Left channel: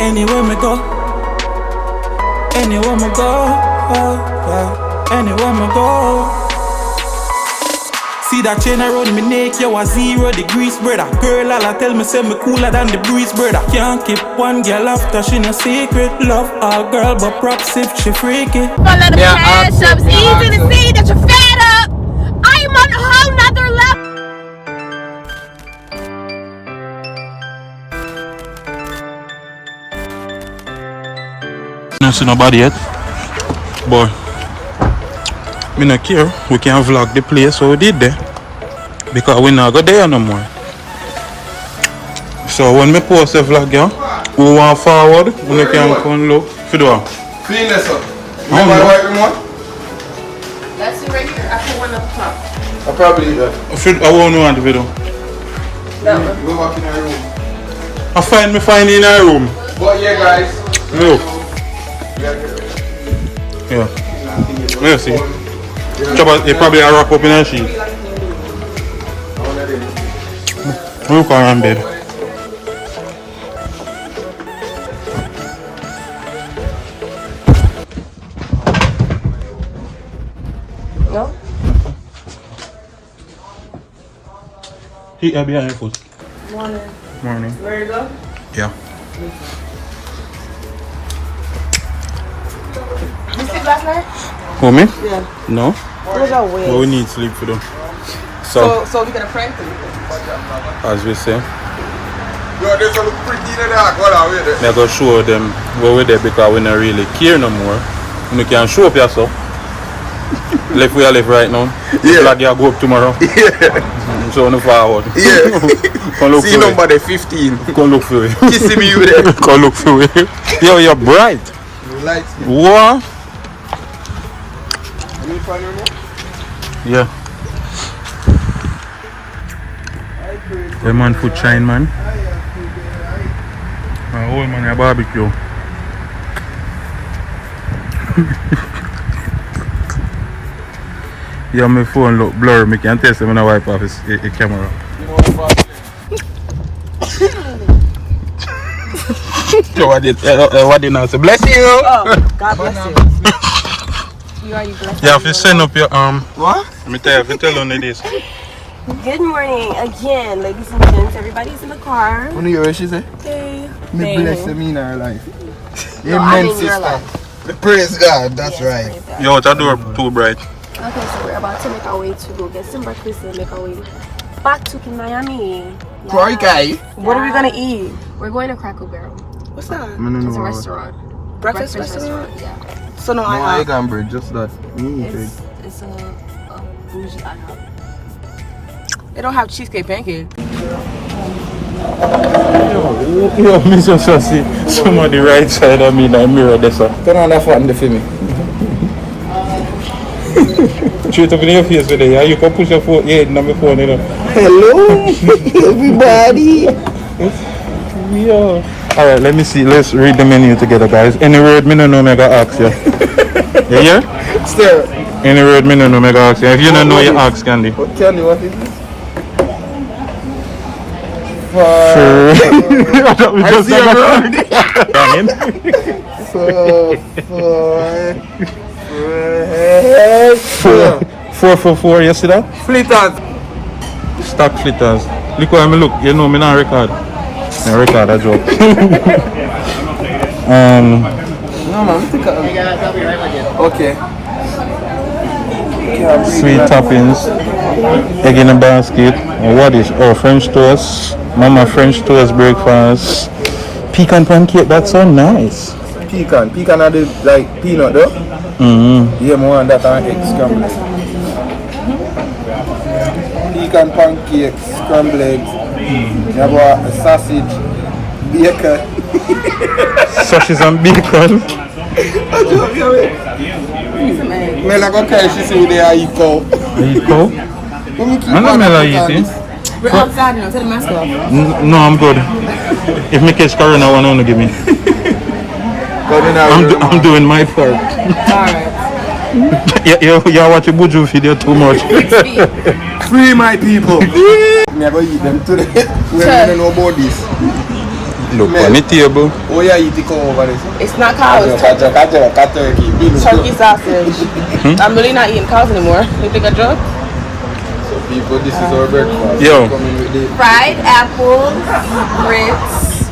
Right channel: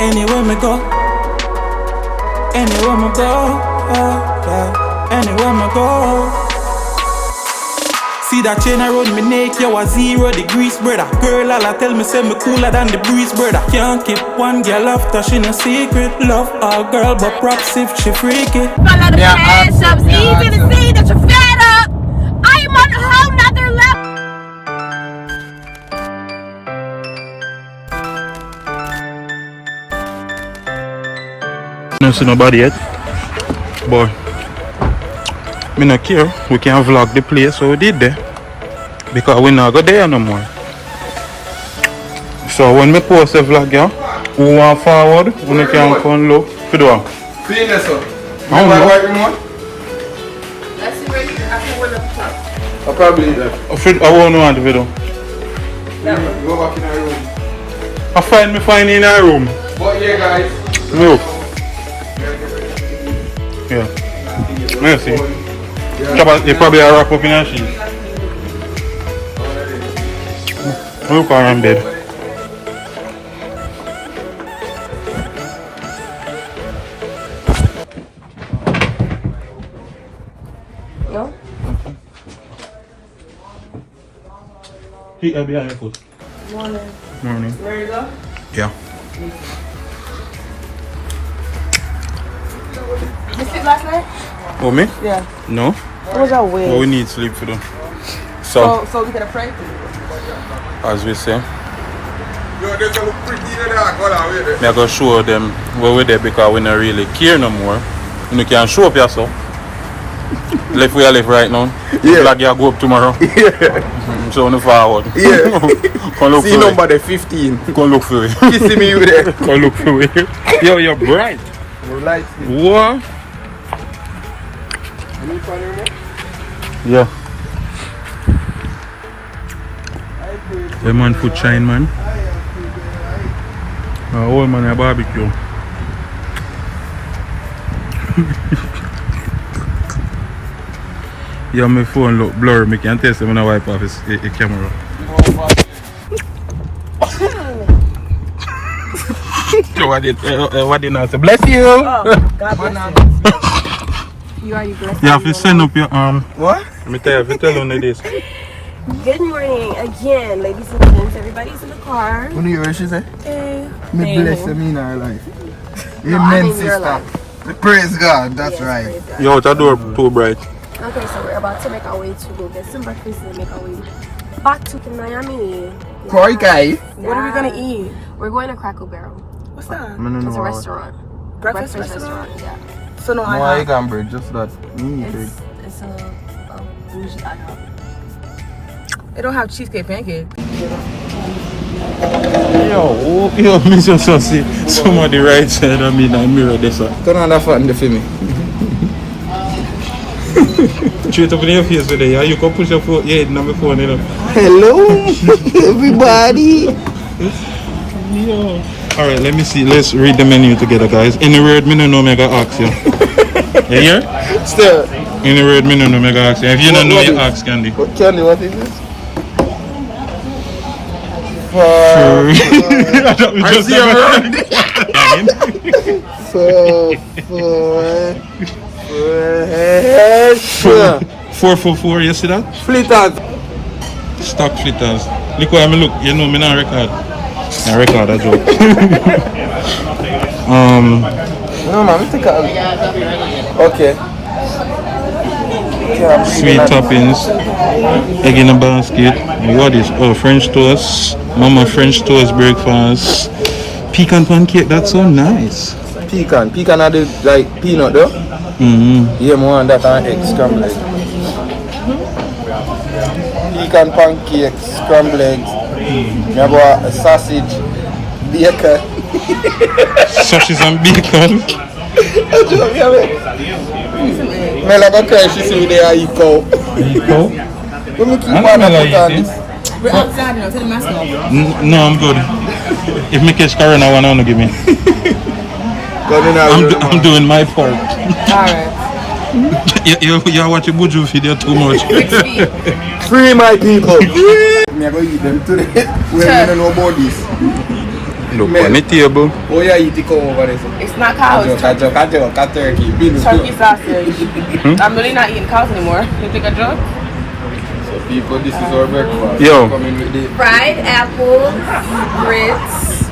Anywhere me go, anywhere me go, yeah, anywhere me go. See that chain around me neck, you a 0 degrees, brother. Girl, all I tell me say me cooler than the breeze, brother. Can't keep one girl after she no secret. Love all girl, but props if she freaky. Yeah, it's easy to see that you're fed up. I'm on a whole nother level. I don't see nobody yet, but me not care. We can vlog the place, so we did there because we not go there no more. So when me post a vlog, yeah, who want forward, we can come look for the one. Clean this up. I don't know. That's it right here. I put one up top. I probably need that. I won't know the video. Go back in our room. I find in our room. But yeah, guys. Look. Yeah. You see. He probably a wrap up in a sheet. Look how I'm dead. No? He behind your foot. Morning. Morning. Where you go? Yeah. You sleep last night? For me? Yeah. No. But we need sleep for them. So So we got a prank for you. as we say, Yo, they gonna look pretty in the dark. Hold on, wait there. they're gonna show them where we're there because we don't really care no more. You can show up yourself. Left we are left right now. Yeah. Like you go up tomorrow. Yeah. So on the forward. Yeah. Come look See for number the 15. it. Come look for it. Kissing me with it. Come look for it. Yo, you're bright. No lights. What? Any fun remote? Yeah. The man food shine, man. Old man a barbecue. Yeah, my phone look blurry. I can test when I wipe off his camera. What did I say? Bless you. Oh, God bless you. You are you blessed. You have to send up your What? Let me tell you, if you tell on this. Good morning again, ladies and gents. Everybody's in the car. When you hear she say? Me Thank bless you. them in our life. No, I Amen, mean your sister. life. Praise God, that's right. Yo, it's a door too bright. Okay, so we're about to make our way to go get some breakfast and make our way back to Miami. Koi Kai. What are we gonna eat? We're going to Cracker Barrel. What's that? No. It's a restaurant. Breakfast restaurant? Yeah. So no, No egg and bread, just that. It's a bougie IHOP. they don't have cheesecake pancake. Yo, Mr. Sussy, some on the right side of me in the mirror there, sir. Turn on that fan for me. Straight up in your face with it, yeah? You can push your head on my phone, you know. Hello, everybody. Yo. Alright, let me see. Let's read the menu together, guys. Any word me no know, me gonna ask you. You hear? Sir. Any word me no know, me gonna ask you. If you don't know, you ask Candy. What Candy, what is this? I thought we just Damn it. 444, you see that? Flitters. Stock flitters. Look where me look, you know me not record. I record a joke. No, man, we take it. Okay. Sweet toppings, egg in a basket. And what is French toast? Mama French toast breakfast. Pecan pancake, that's so nice. Pecan are the like peanut though? Yeah, more on that and egg scrambled egg. Pecan pancakes, scrambled eggs. You have a sausage, bacon. Sausage and bacon. Man, I'm gonna cry, she said they are eco. Eco? Let me keep I'm on not eating. We're outside now. Tell the master. No, I'm good. If me catch corona, one wanna give me. I'm doing my part. Alright. You watch a Buju video too much. Free my people. Me I go eat them today. We don't know about this. Look on the table. Oh yeah, you take over this. It's not cows. Cat turkey. Chunky sausage. I'm really not eating cows anymore. You think I joke? So people, this is our breakfast. Yo. Coming with the Fried apples, grits,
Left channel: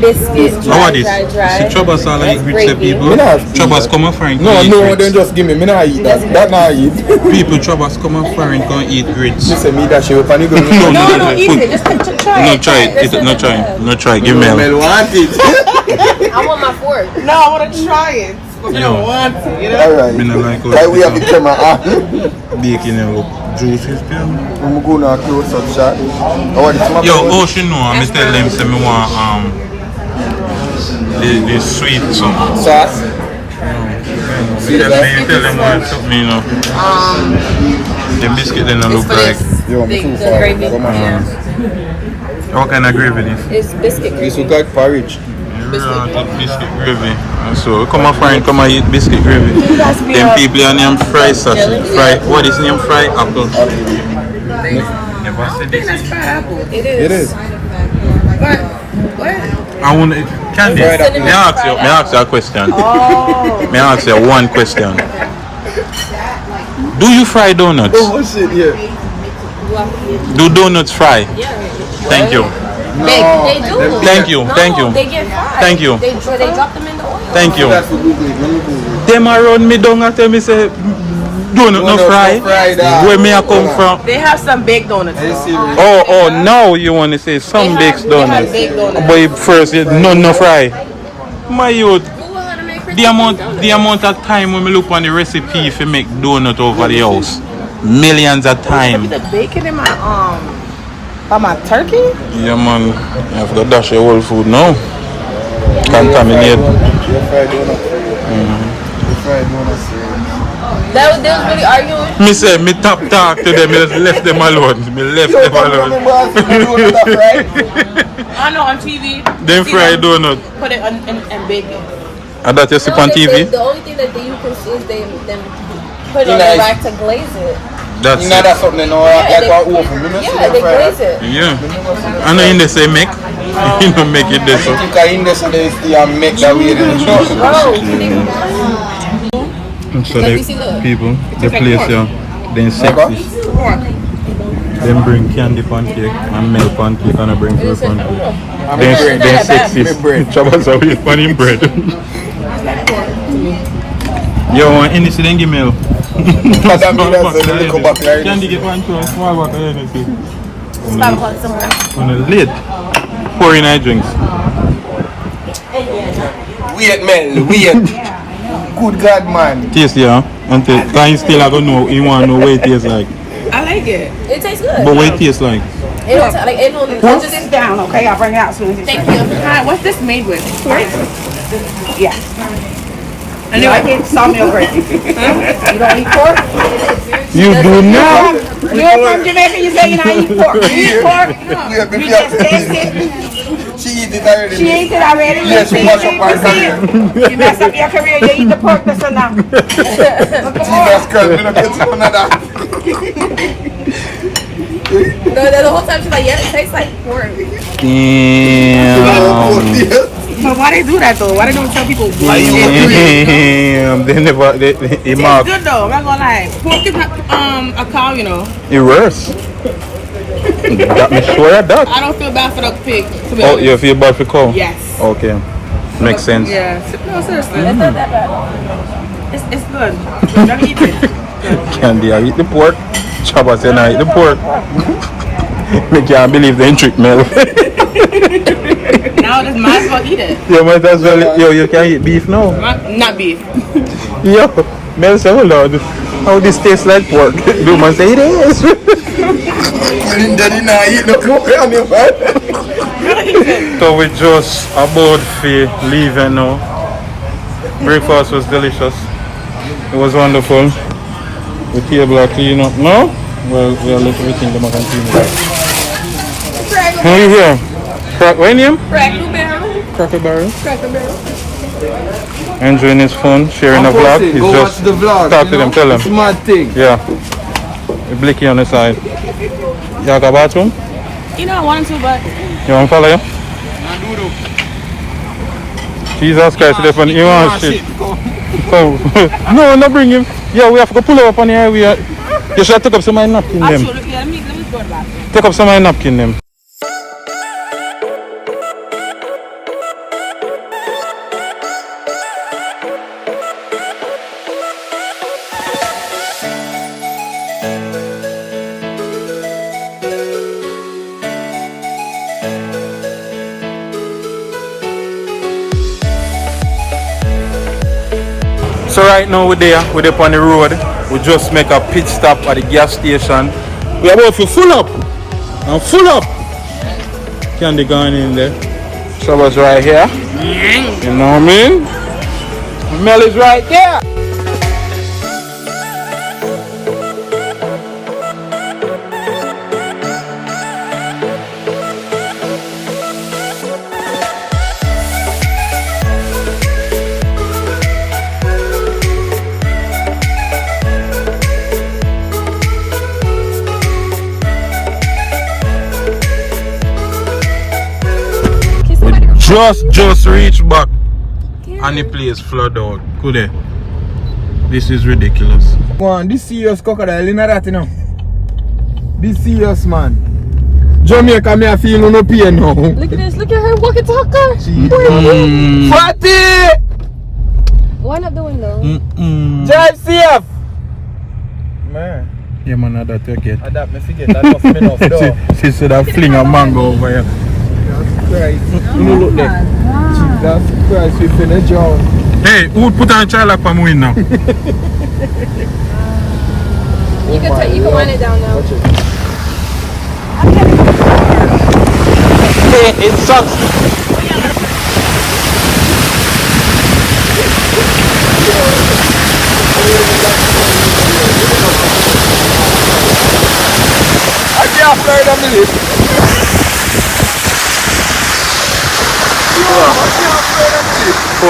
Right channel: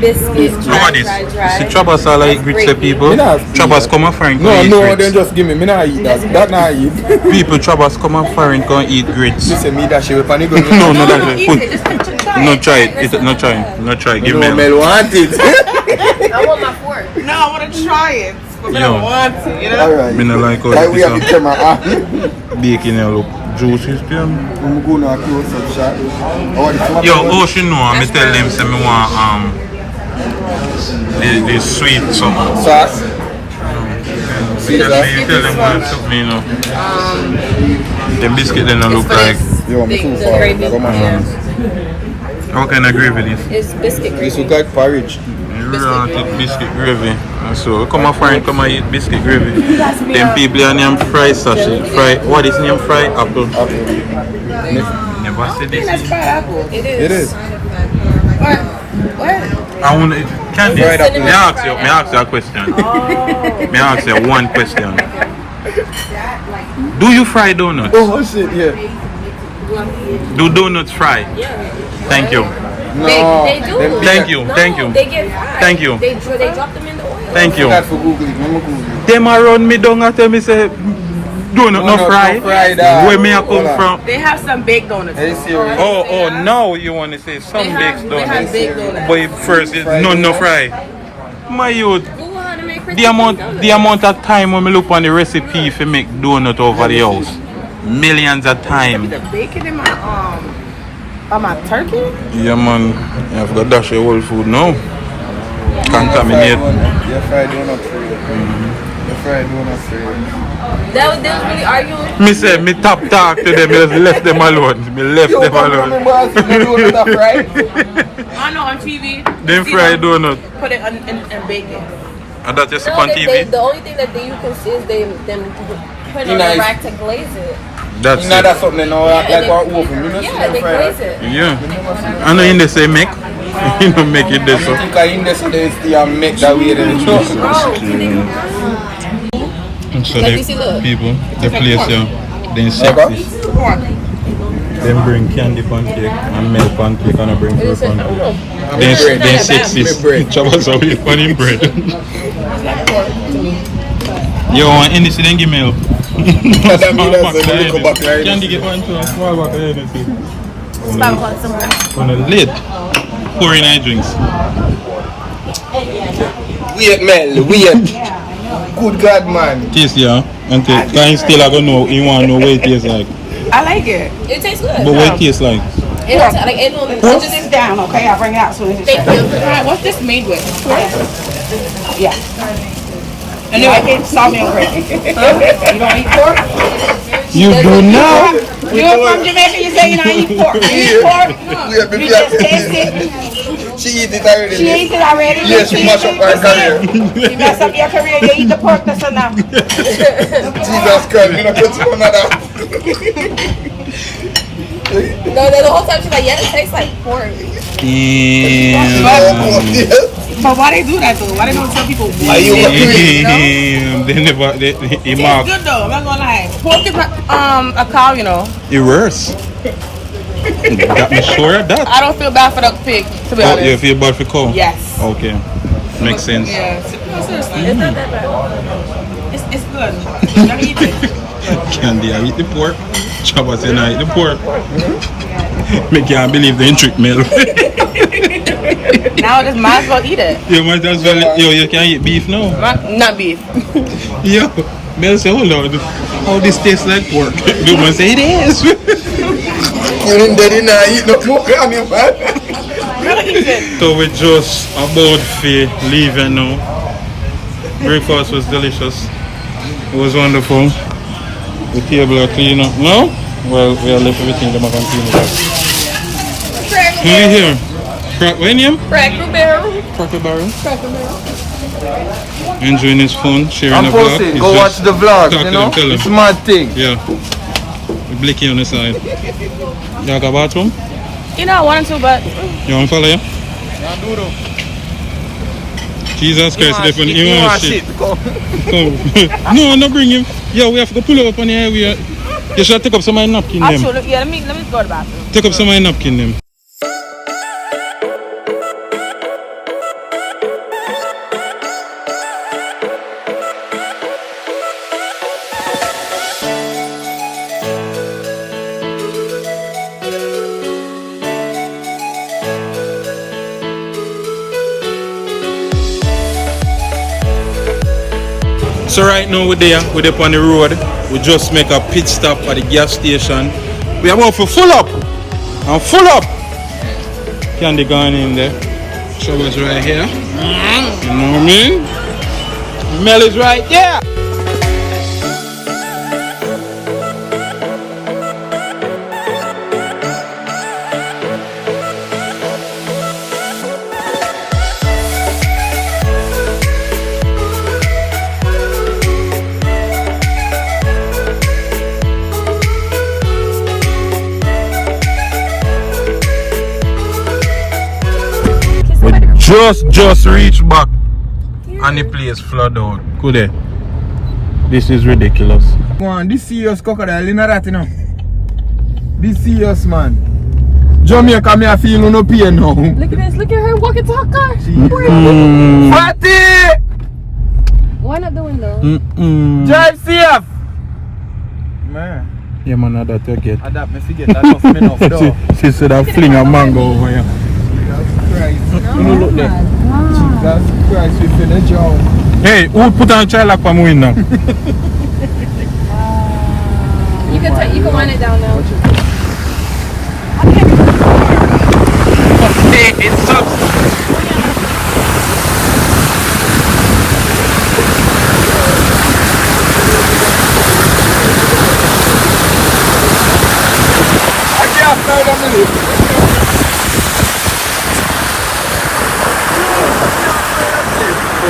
biscuits, How are this? See, Chabas are like grits to people. Me not Chabas come and foreign No, can eat no, grits. then just give me. Me not eat that. That not eat. People Chabas come and foreign can eat grits. Listen, me that shit with panic. No, No, that's don't right. eat Put- it. Just try No, it. try it. No, try. No, try. Give me No, a Mel want it. I want my fork. No, I want to try it. Yo. Alright. Me not like how Like we have the this camera on. bacon and look juicy still. I'm going to close up shot. I want this one. Yo, oh she know, I tell them say me want the sweet something. Sauce. See Tell that? them what it took me, you know. The biscuit then look like Yo, me too The far. gravy. Come on. what kind of gravy this? It's biscuit This gravy. look like porridge. Rotted biscuit gravy. And so come and find, come and eat biscuit gravy. Them people are named fry sausage. Fry, what is named fry apple? Never said this. That's fried apple. It is. It is. What? I want it. Candy. Fried apple. May I ask you a question? May I ask you one question? Do you fry donuts? Oh shit, yeah. Do donuts fry? Thank you. No. They do. Thank you. No, Thank you. They get fried. Thank you. They drop them in the oil. Thank you. That's for Google. Google. Them around me down and tell me say donut no fry. Where me I come from? They have some baked donuts. Are you serious? Oh, now you want to say some baked They have donuts. baked donuts. But first, none no fry. My youth, Google how to make crispy the amount of time when me look on the recipe for make donut over the house, millions of time. The bacon in my on my turkey? Yeah man, you have to dash your whole food now. Contaminate. You fried donut for you. You fried donut for you. They was really arguing. Me say me top talk to them, me just left them alone. Me left them alone. I know on TV. Them see fried them donut. Put it and bake it. And that you see on TV? The only thing that you can see is they then put it on Nice. the rack to glaze it. That's You know it. that's something now, like they- our oven. You know see Yeah, them they fried glaze that? it. Yeah. I know in the say make. You know make it this I so. think I in there so they still make that way then. So Like the you see, look. people, the place here, then sexy. Them bring candy pancake and milk pancake and I bring fruit pancake. Then sexy. Chabas are with funny bread. Yo, any then give me. That mean that's a little back there. Candy get one too, a small back of anything. 5 o'clock somewhere. On a late. Pouring our drinks. Wait, Mel, wait. Good God, man. Taste yeah. Until can you still gonna know you wanna know what it tastes like. I like it. It tastes good. But what it tastes like. It don't like it don't. Just sit down, okay? I'll bring it out soon. Thank you. Alright, what's this made with? Yeah. I knew I can't smell your bread. Huh? You don't eat pork? You do now? You ain't from Jamaica, you say you don't eat pork. You eat pork? We have been You just taste it. She eat it already. She ate it already. Yes, she mash up her career. You mess up your career, you eat the pork, that's enough. Jesus Christ, we don't get another. No, the whole time she's like, yeah, it tastes like pork. Damn. But why they do that though? Why they don't tell people what Damn. They never they mark. It's good though, I'm not gonna lie. Pork is not a cow, you know. It worse. Got me sure of that. I don't feel bad for the pig, to be Oh, honest. you feel bad for cow? Yes. Okay. Makes sense. Yeah. No, seriously. It's not that bad. It's good. Let me eat it. Candy, I eat the pork. Chabas say I eat the pork. Me can't believe they trick me. Now I just might as well eat it. You might as well. Yo, you can eat beef now. Not beef. Yo, Mel say, hold on. How this tastes like pork? The man say it is. You didn't eat no pork on it. So we just about to leave now. Breakfast was delicious. It was wonderful. The table are clean up now. Well, we are left everything them are can clean it up. Who we here? What name? Cracker Barrel. Cracker Barrel. Enjoying his phone, sharing a vlog. He's Go watch just the vlog. talk to them, tell them. It's mad thing. Yeah. With Blicky on the side. You have a bathroom? You know, I want to, but You want to follow you? Jesus Christ, they put him on shit. No, bring him. Yeah, we have to go pull up on the highway. You should take up some of my napkin them. Yeah, let me go to the bathroom. Take up some of my napkin them. So right now we're there on the road. We just make a pit stop at the gas station. We're about to full up. And full up. Candy going in there. Troubles right here. You know what I mean? Mel is right there. Just reach back and the place flood out. Could it? This is ridiculous. Come on, this serious crocodile in that, you know. This serious man. Jamaica, me I feel no pain now. Look at this, look at her walkie talker. Fatty! Why not the window? Drive safe! Man. Yeah man, I that you get. I that me forget, that enough though. She said I fling a mango over here. Christ. You look there. Jesus Christ, we finish job. Hey, who put on child lock for me now? You can wind it down now. Hey, it sucks. I can't fly down the lift.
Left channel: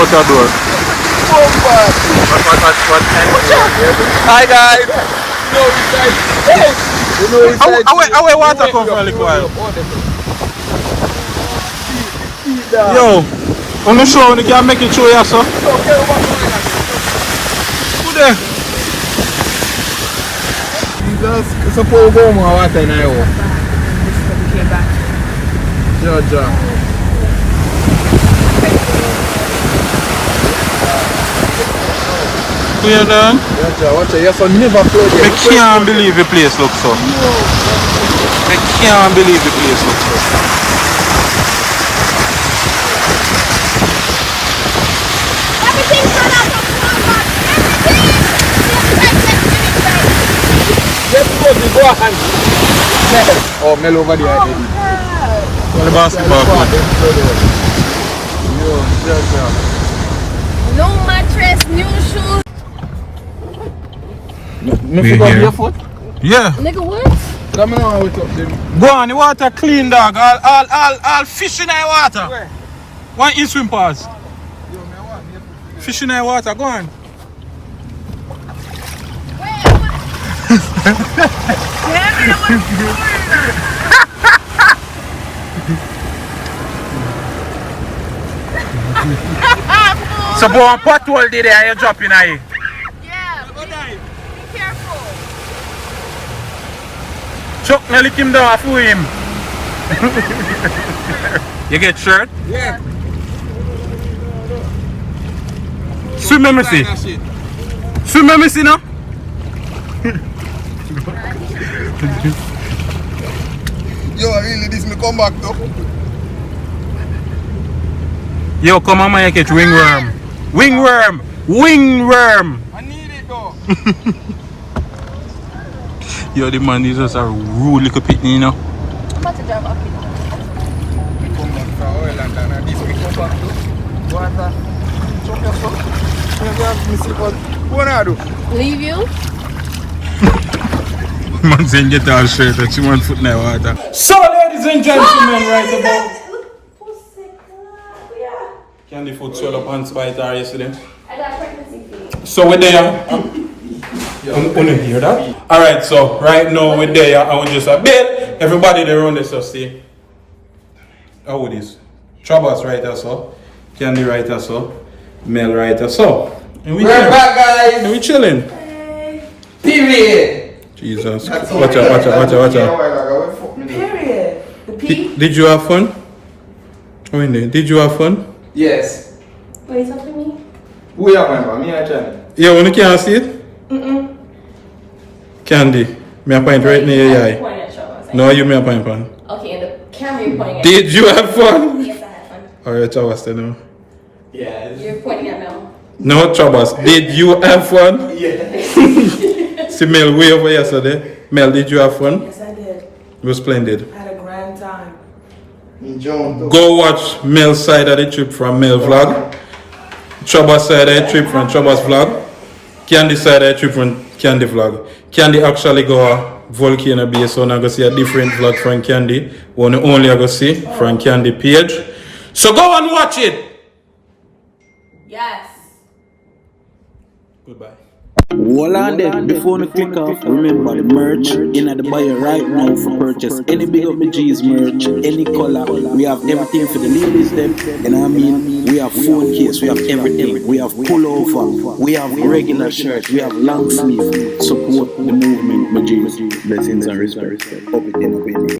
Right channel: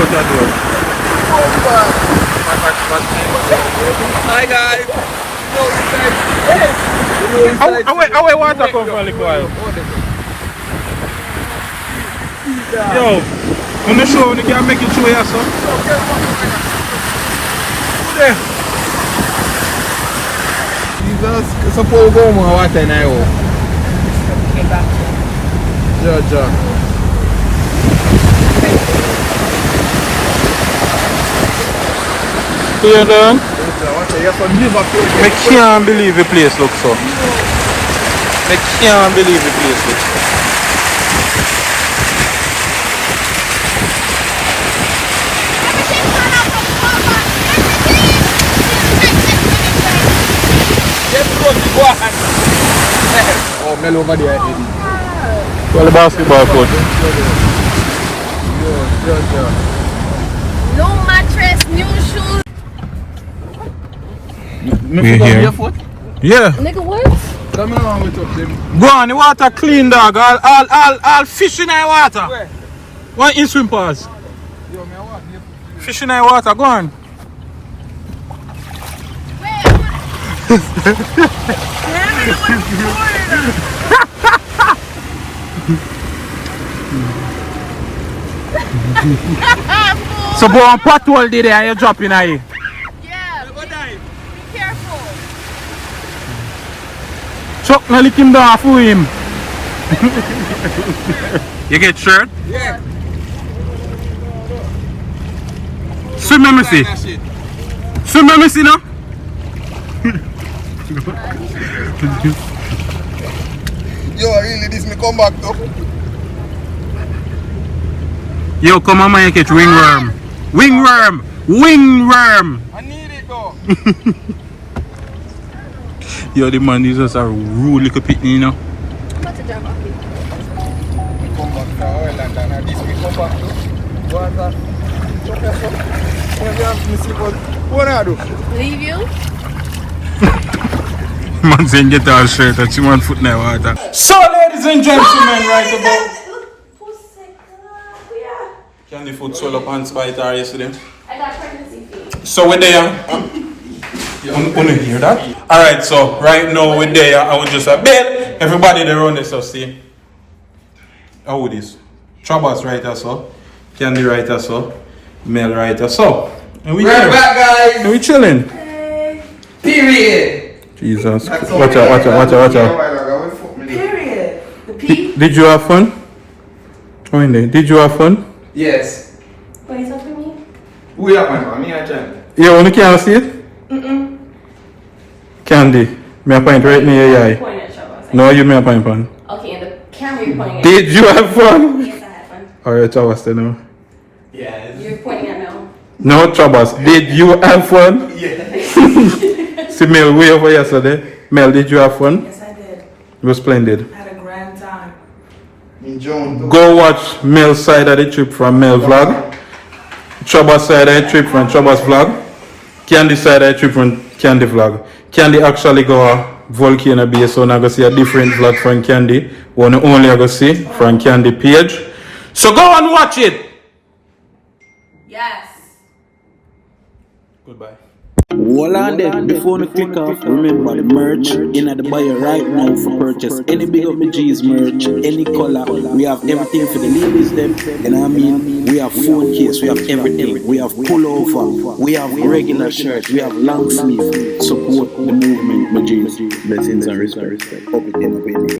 Door. Hi guys. How water come from a little while? Yo, on the show, they can make it show you, sir. Who there? Jesus, suppose go more water now. Georgia. Who you done? Watch it, you're so never close. I can't believe the place looks so. I can't believe the place looks so. Oh, Mel over there. Well, the basketball court. Yo, Georgia. No mattress, new shoes. Yeah. Nigga, what? Bro, and the water clean, dog. All fish in the water. Where? One in swim pass. Fish in the water, go on. So, boy, one pothole there and you drop in here. Yeah. Be careful. Chuck, now lick him down for him. You get shirt? Yeah. Swim, let me see. Swim, let me see now. Yo, really, this me come back though. Yo, come on, man, you catch wingworm. Wingworm! Wingworm! I need it though. Yo, the man is just a rude little pitney, you know. I'm about to drive off. Me come back from oil and then this me come back though. Water. So careful. Me see what I do. Leave you? Man saying get all straight and she want foot in the water. So ladies and gentlemen, right about can the foot swell up and spite her yesterday? I got pregnancy feet. So we're there. Wanna hear that? Alright, so right now we're there. I want just a bit. Everybody there around this, so see. How it is? Troubles right so. Candy right so. Mel right so. And We're back, guys. We chilling. Period. Jesus. Watch out. Period. The P. Did you have fun? Did you have fun? Yes. What are you talking to me? Who are my mom? Me and Johnny. Yeah, when you can't see it? Candy. Me a point right near your eye. Point at Troubles. No, you me a point. Okay, and the camera you're pointing at. Did you have fun? Yes, I had fun. Alright, Troubles, then no. Yeah. You're pointing at Mel. No, Troubles. Did you have fun? Yeah. See Mel way over yesterday. Mel, did you have fun? Yes, I did. It was splendid. I had a grand time. Me John. Go watch Mel's side of the trip from Mel vlog. Troubles side of the trip from Troubles vlog. Candy side of the trip from Candy vlog. Candy actually go a Volcano Bay, so now go see a different vlog from Candy. One only I go see from Candy page. So go and watch it. Yes. Goodbye. Hold on there, before you click off, remember the merch in the bio right now for purchase. Any Big Up My G's merch, any color, we have everything for the ladies them, you know what I mean? We have phone case, we have everything, we have pullover, we have regular shirt, we have long sleeve. Support the movement, my G's. Blessings and respect. Up it in.